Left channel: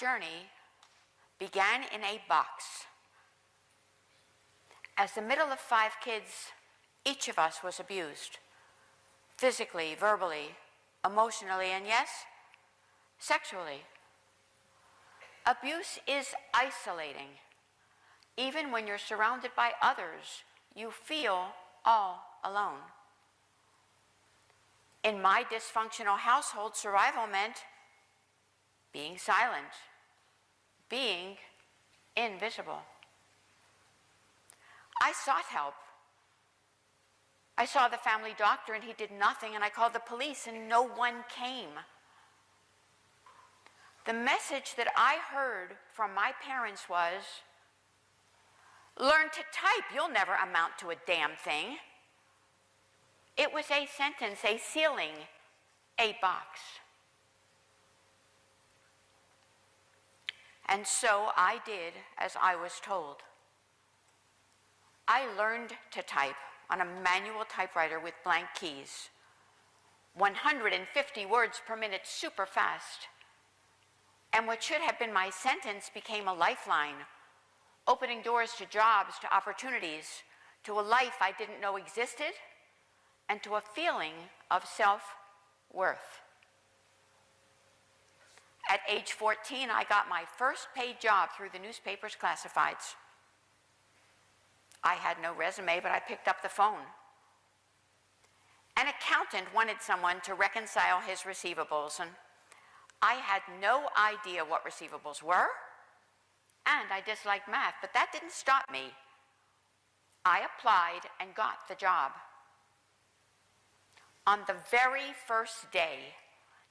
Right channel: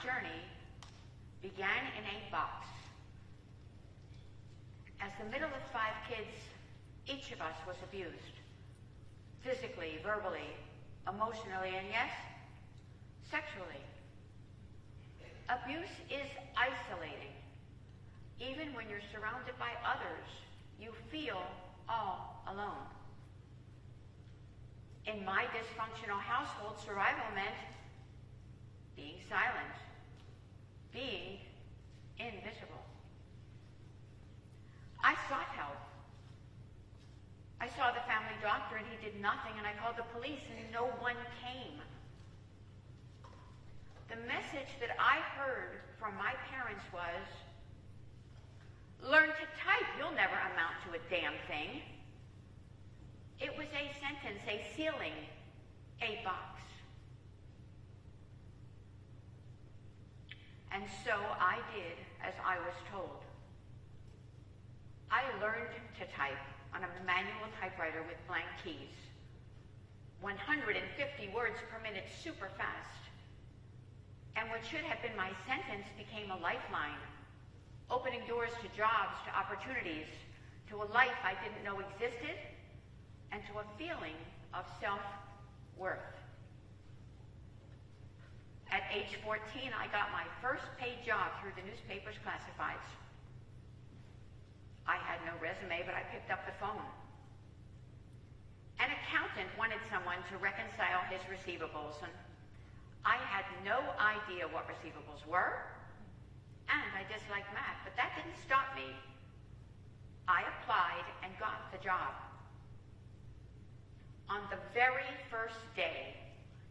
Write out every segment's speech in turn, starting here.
journey began in a box. As the middle of 5 kids, each of us was abused. Physically, verbally, emotionally, and yes, sexually. Abuse is isolating. Even when you're surrounded by others, you feel all alone. In my dysfunctional household, survival meant being silent, being invisible. I sought help. I saw the family doctor and he did nothing, and I called the police and no one came. The message that I heard from my parents was, learn to type, you'll never amount to a damn thing. It was a sentence, a ceiling, a box. And so I did as I was told. I learned to type on a manual typewriter with blank keys. 150 words per minute, super fast. And what should have been my sentence became a lifeline, opening doors to jobs, to opportunities, to a life I didn't know existed, and to a feeling of self-worth. At age 14, I got my first paid job through the newspaper's classifieds. I had no resume, but I picked up the phone. An accountant wanted someone to reconcile his receivables, and I had no idea what receivables were, and I disliked math, but that didn't stop me. I applied and got the job. On the very first day,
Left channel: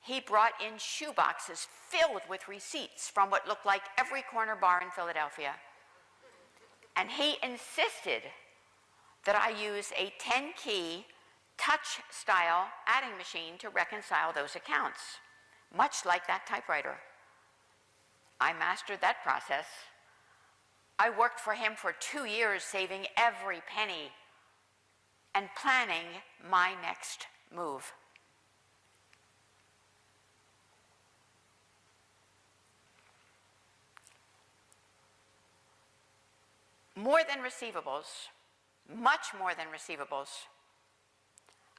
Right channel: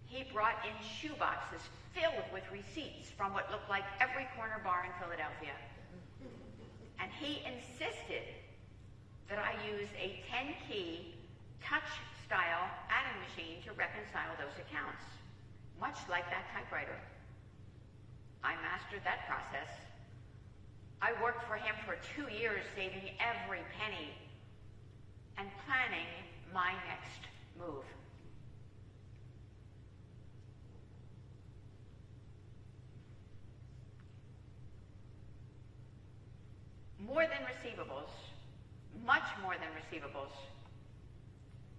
he brought in shoeboxes filled with receipts from what looked like every corner bar in Philadelphia. And he insisted that I use a 10-key touch-style adding machine to reconcile those accounts, much like that typewriter. I mastered that process. I worked for him for 2 years, saving every penny and planning my next move. More than receivables, much more than receivables,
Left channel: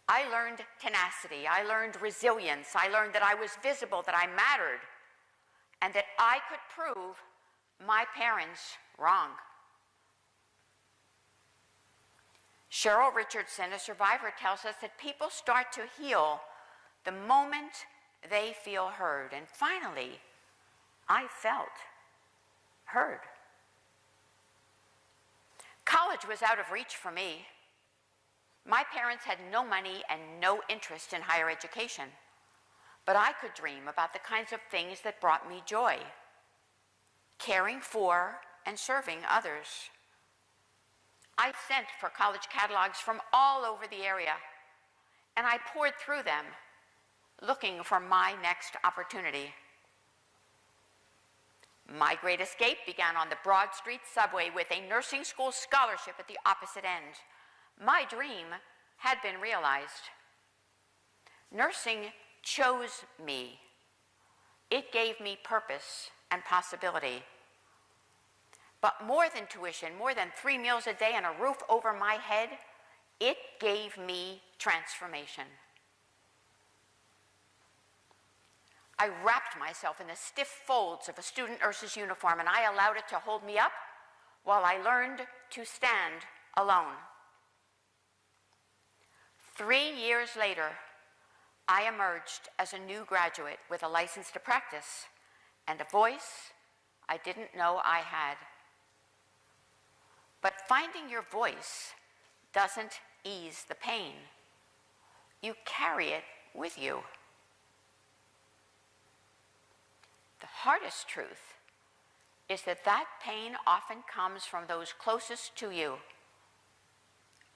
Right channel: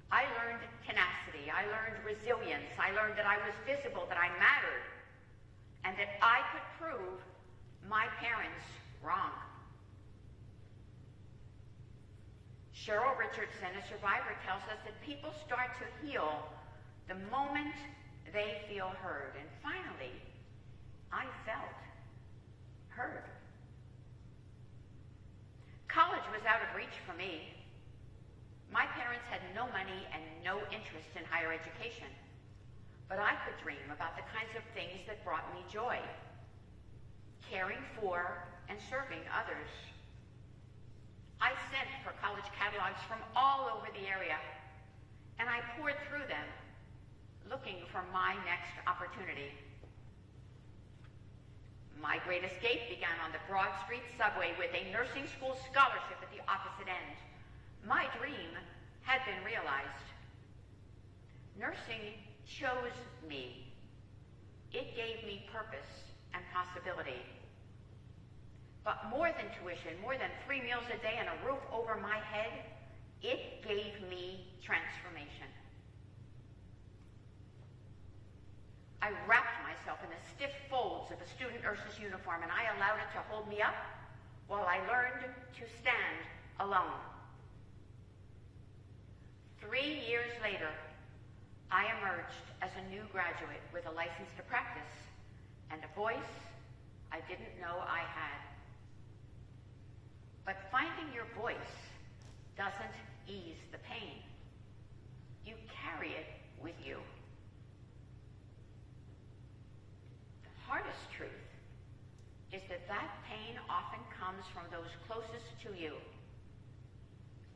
I learned tenacity, I learned resilience, I learned that I was visible, that I mattered, and that I could prove my parents wrong. Cheryl Richardson, a survivor, tells us that people start to heal the moment they feel heard. And finally, I felt heard. College was out of reach for me. My parents had no money and no interest in higher education, but I could dream about the kinds of things that brought me joy, caring for and serving others. I sent for college catalogs from all over the area, and I poured through them, looking for my next opportunity. My great escape began on the Broad Street subway with a nursing school scholarship at the opposite end. My dream had been realized. Nursing chose me. It gave me purpose and possibility. But more than tuition, more than 3 meals a day and a roof over my head, it gave me transformation. I wrapped myself in the stiff folds of a student nurse's uniform, and I allowed it to hold me up while I learned to stand alone. 3 years later, I emerged as a new graduate with a license to practice and a voice I didn't know I had. But finding your voice doesn't ease the pain. You carry it with you. The hardest truth is that that pain often comes from those closest to you,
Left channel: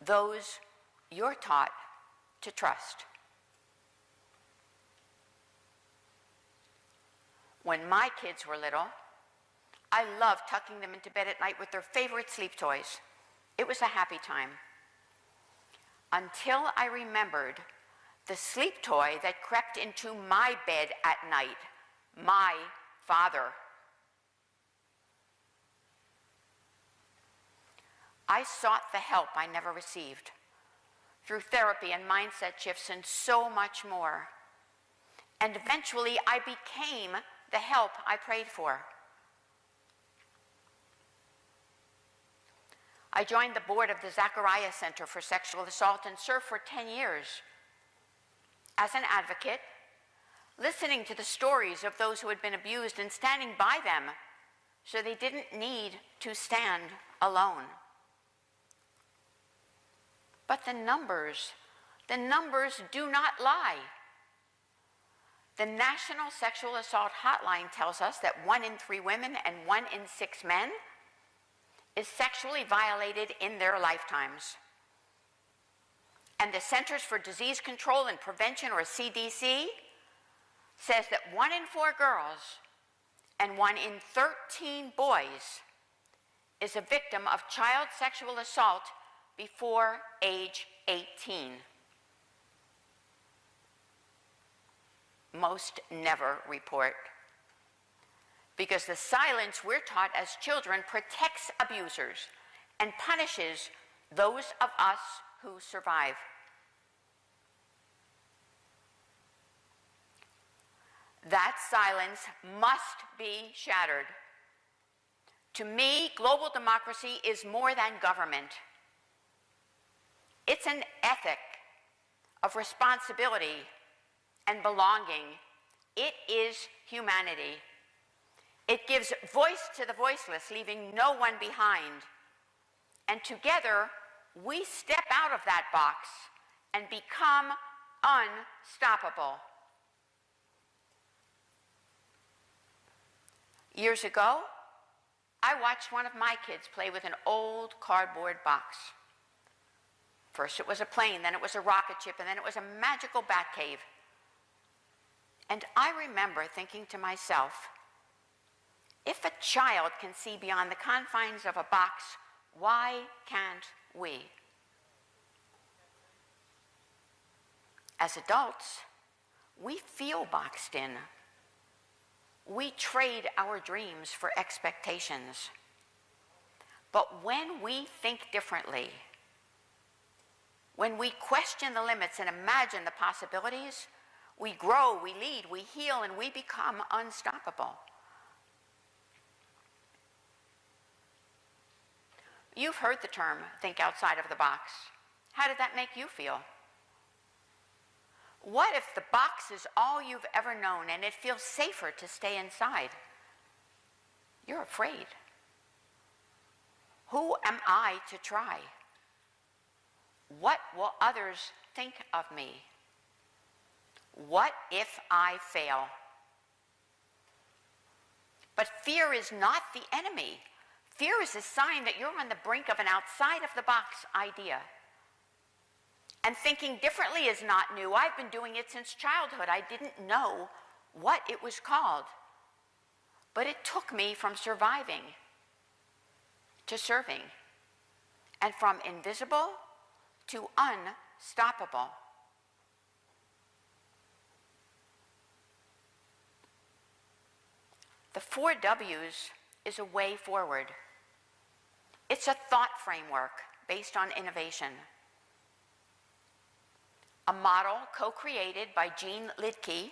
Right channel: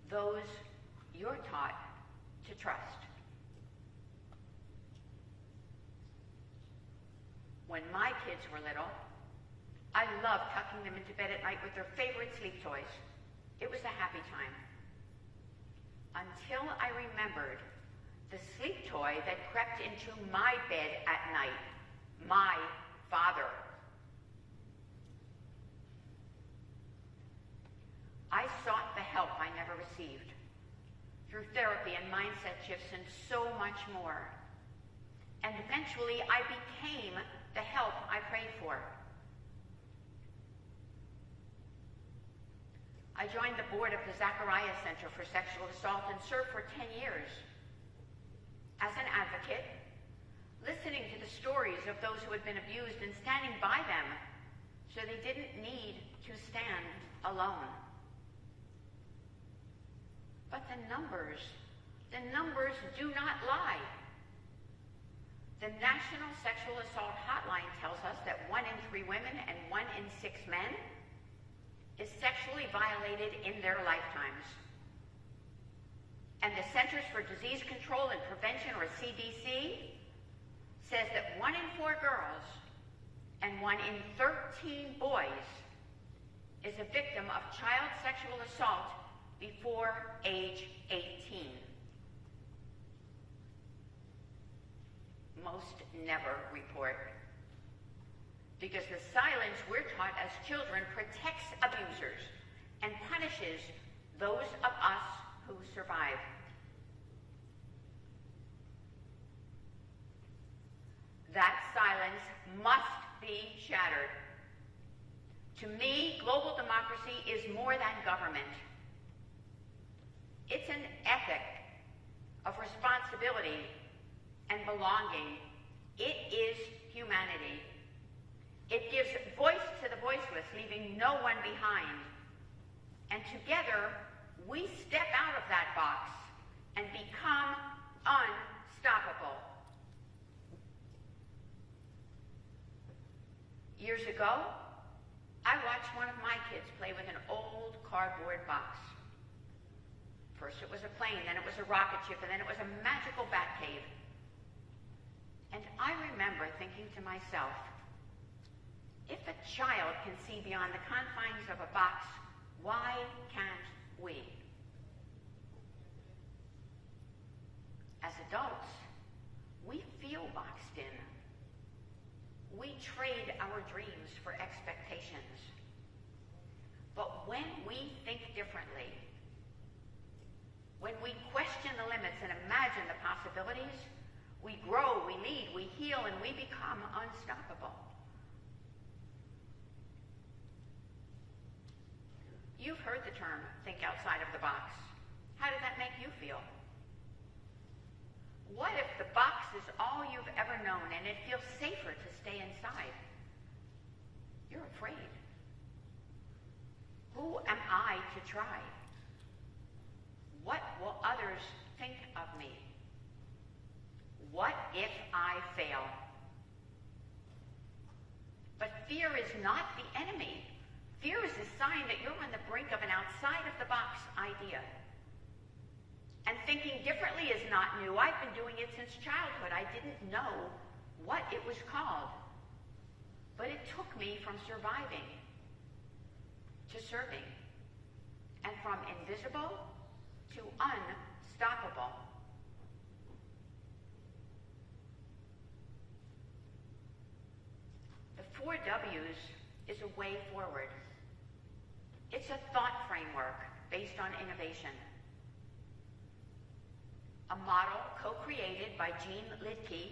those you're taught to trust. When my kids were little, I loved tucking them into bed at night with their favorite sleep toys. It was a happy time. Until I remembered the sleep toy that crept into my bed at night, my father. I sought the help I never received through therapy and mindset shifts and so much more. And eventually I became the help I prayed for. I joined the board of the Zachariah Center for Sexual Assault and served for 10 years as an advocate, listening to the stories of those who had been abused and standing by them so they didn't need to stand alone. But the numbers do not lie. The National Sexual Assault Hotline tells us that 1 in 3 women and 1 in 6 men is sexually violated in their lifetimes. And the Centers for Disease Control and Prevention, or CDC, says that 1 in 4 girls and 1 in 13 boys is a victim of child sexual assault before age 18. Most never report, because the silence we're taught as children protects abusers and punishes those of us who survive. That silence must be shattered. To me, global democracy is more than government. It's an ethic of responsibility and belonging. It is humanity. It gives voice to the voiceless, leaving no one behind. And together, we step out of that box and become unstoppable. Years ago, I watched one of my kids play with an old cardboard box. First it was a plane, then it was a rocket ship, and then it was a magical bat cave. And I remember thinking to myself, if a child can see beyond the confines of a box, why can't we? As adults, we feel boxed in. We trade our dreams for expectations. But when we think differently, when we question the limits and imagine the possibilities, we grow, we lead, we heal, and we become unstoppable. You've heard the term, think outside of the box. How did that make you feel? What if the box is all you've ever known and it feels safer to stay inside? You're afraid. Who am I to try? What will others think of me? What if I fail? But fear is not the enemy. Fear is a sign that you're on the brink of an outside-of-the-box idea. And thinking differently is not new. I've been doing it since childhood. I didn't know what it was called. But it took me from surviving to serving, and from invisible to unstoppable. The 4 W's is a way forward. It's a thought framework based on innovation. A model co-created by Jean Lidke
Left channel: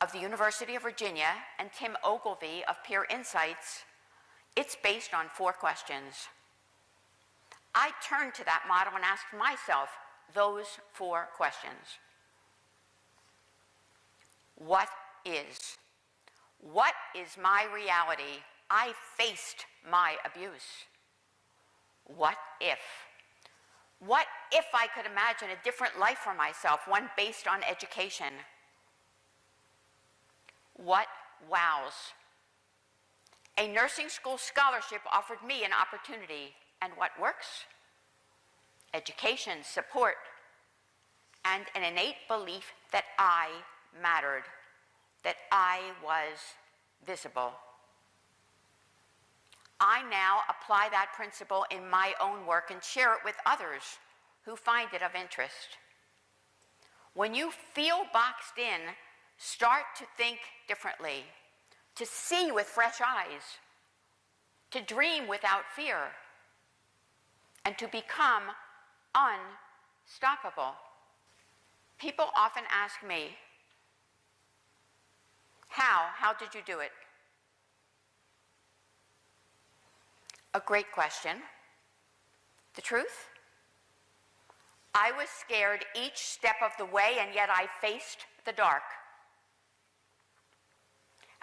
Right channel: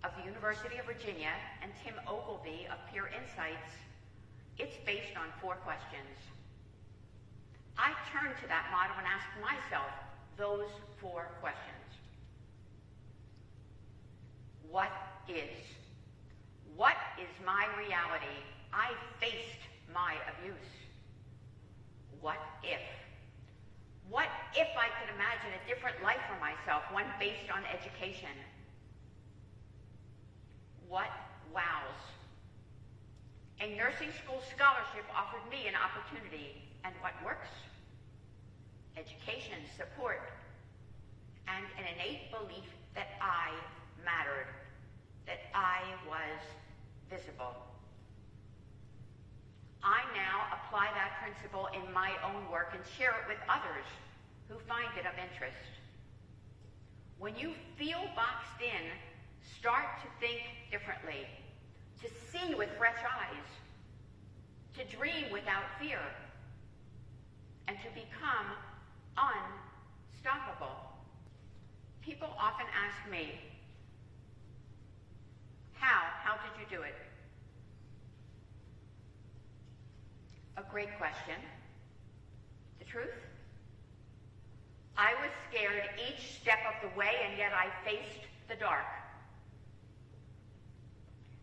of the University of Virginia and Tim Ogilvy of Peer Insights. It's based on 4 questions. I turned to that model and asked myself those 4 questions. What is? What is my reality? I faced my abuse. What if? What if I could imagine a different life for myself, one based on education? What wows? A nursing school scholarship offered me an opportunity. And what works? Education, support, and an innate belief that I mattered, that I was visible. I now apply that principle in my own work and share it with others who find it of interest. When you feel boxed in, start to think differently, to see with fresh eyes, to dream without fear. and to become unstoppable. People often ask me, how did you do it? A great question. The truth? I was scared each step of the way, and yet I faced the dark.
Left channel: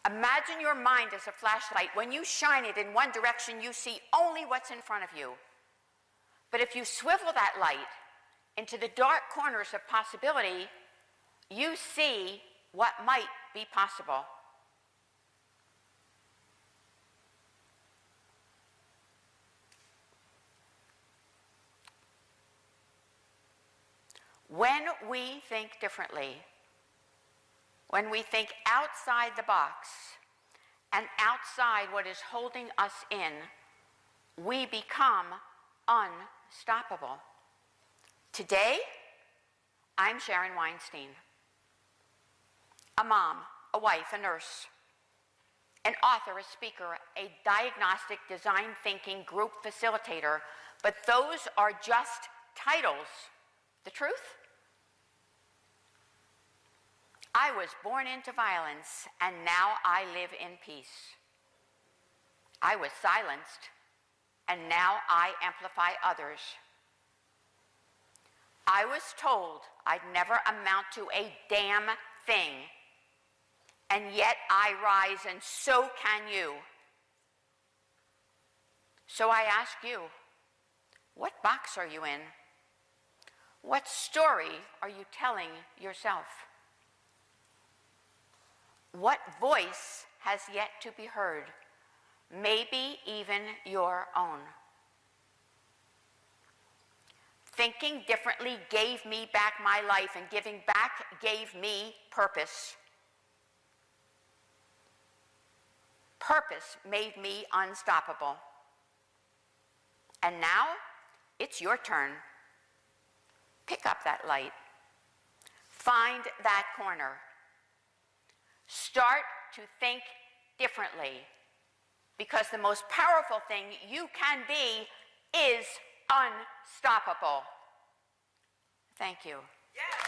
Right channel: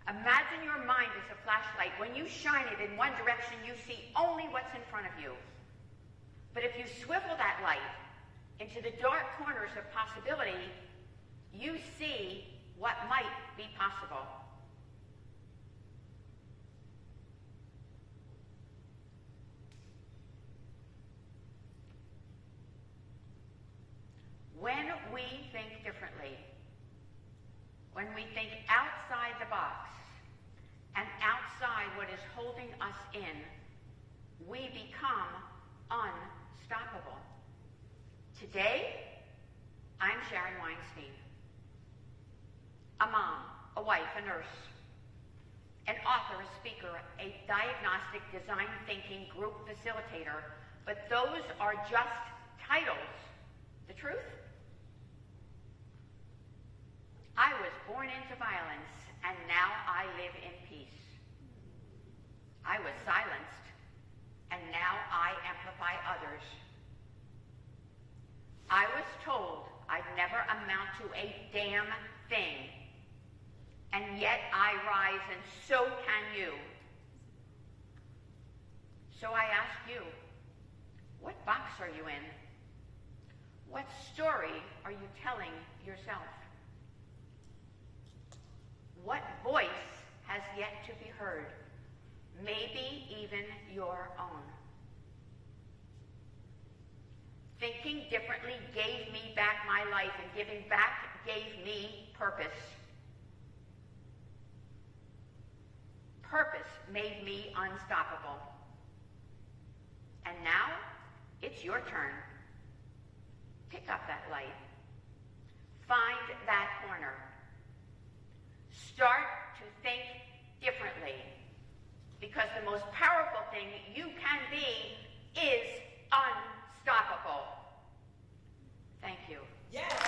Imagine your mind as a flashlight. When you shine it in one direction, you see only what's in front of you. But if you swivel that light into the dark corners of possibility, you see what might be possible. When we think differently, when we think outside the box and outside what is holding us in, we become unstoppable. Today, I'm Sharon Weinstein, a mom, a wife, a nurse, an author, a speaker, a diagnostic design thinking group facilitator, but those are just titles. The truth? I was born into violence, and now I live in peace. I was silenced, and now I amplify others. I was told I'd never amount to a damn thing, and yet I rise, and so can you. So I ask you, what box are you in? What story are you telling yourself? What voice has yet to be heard? Maybe even your own. Thinking differently gave me back my life, and giving back gave me purpose. Purpose made me unstoppable. And now, it's your turn. Pick up that light. Find that corner. Start to think differently, because the most powerful thing you can be is unstoppable. Thank you. Yes.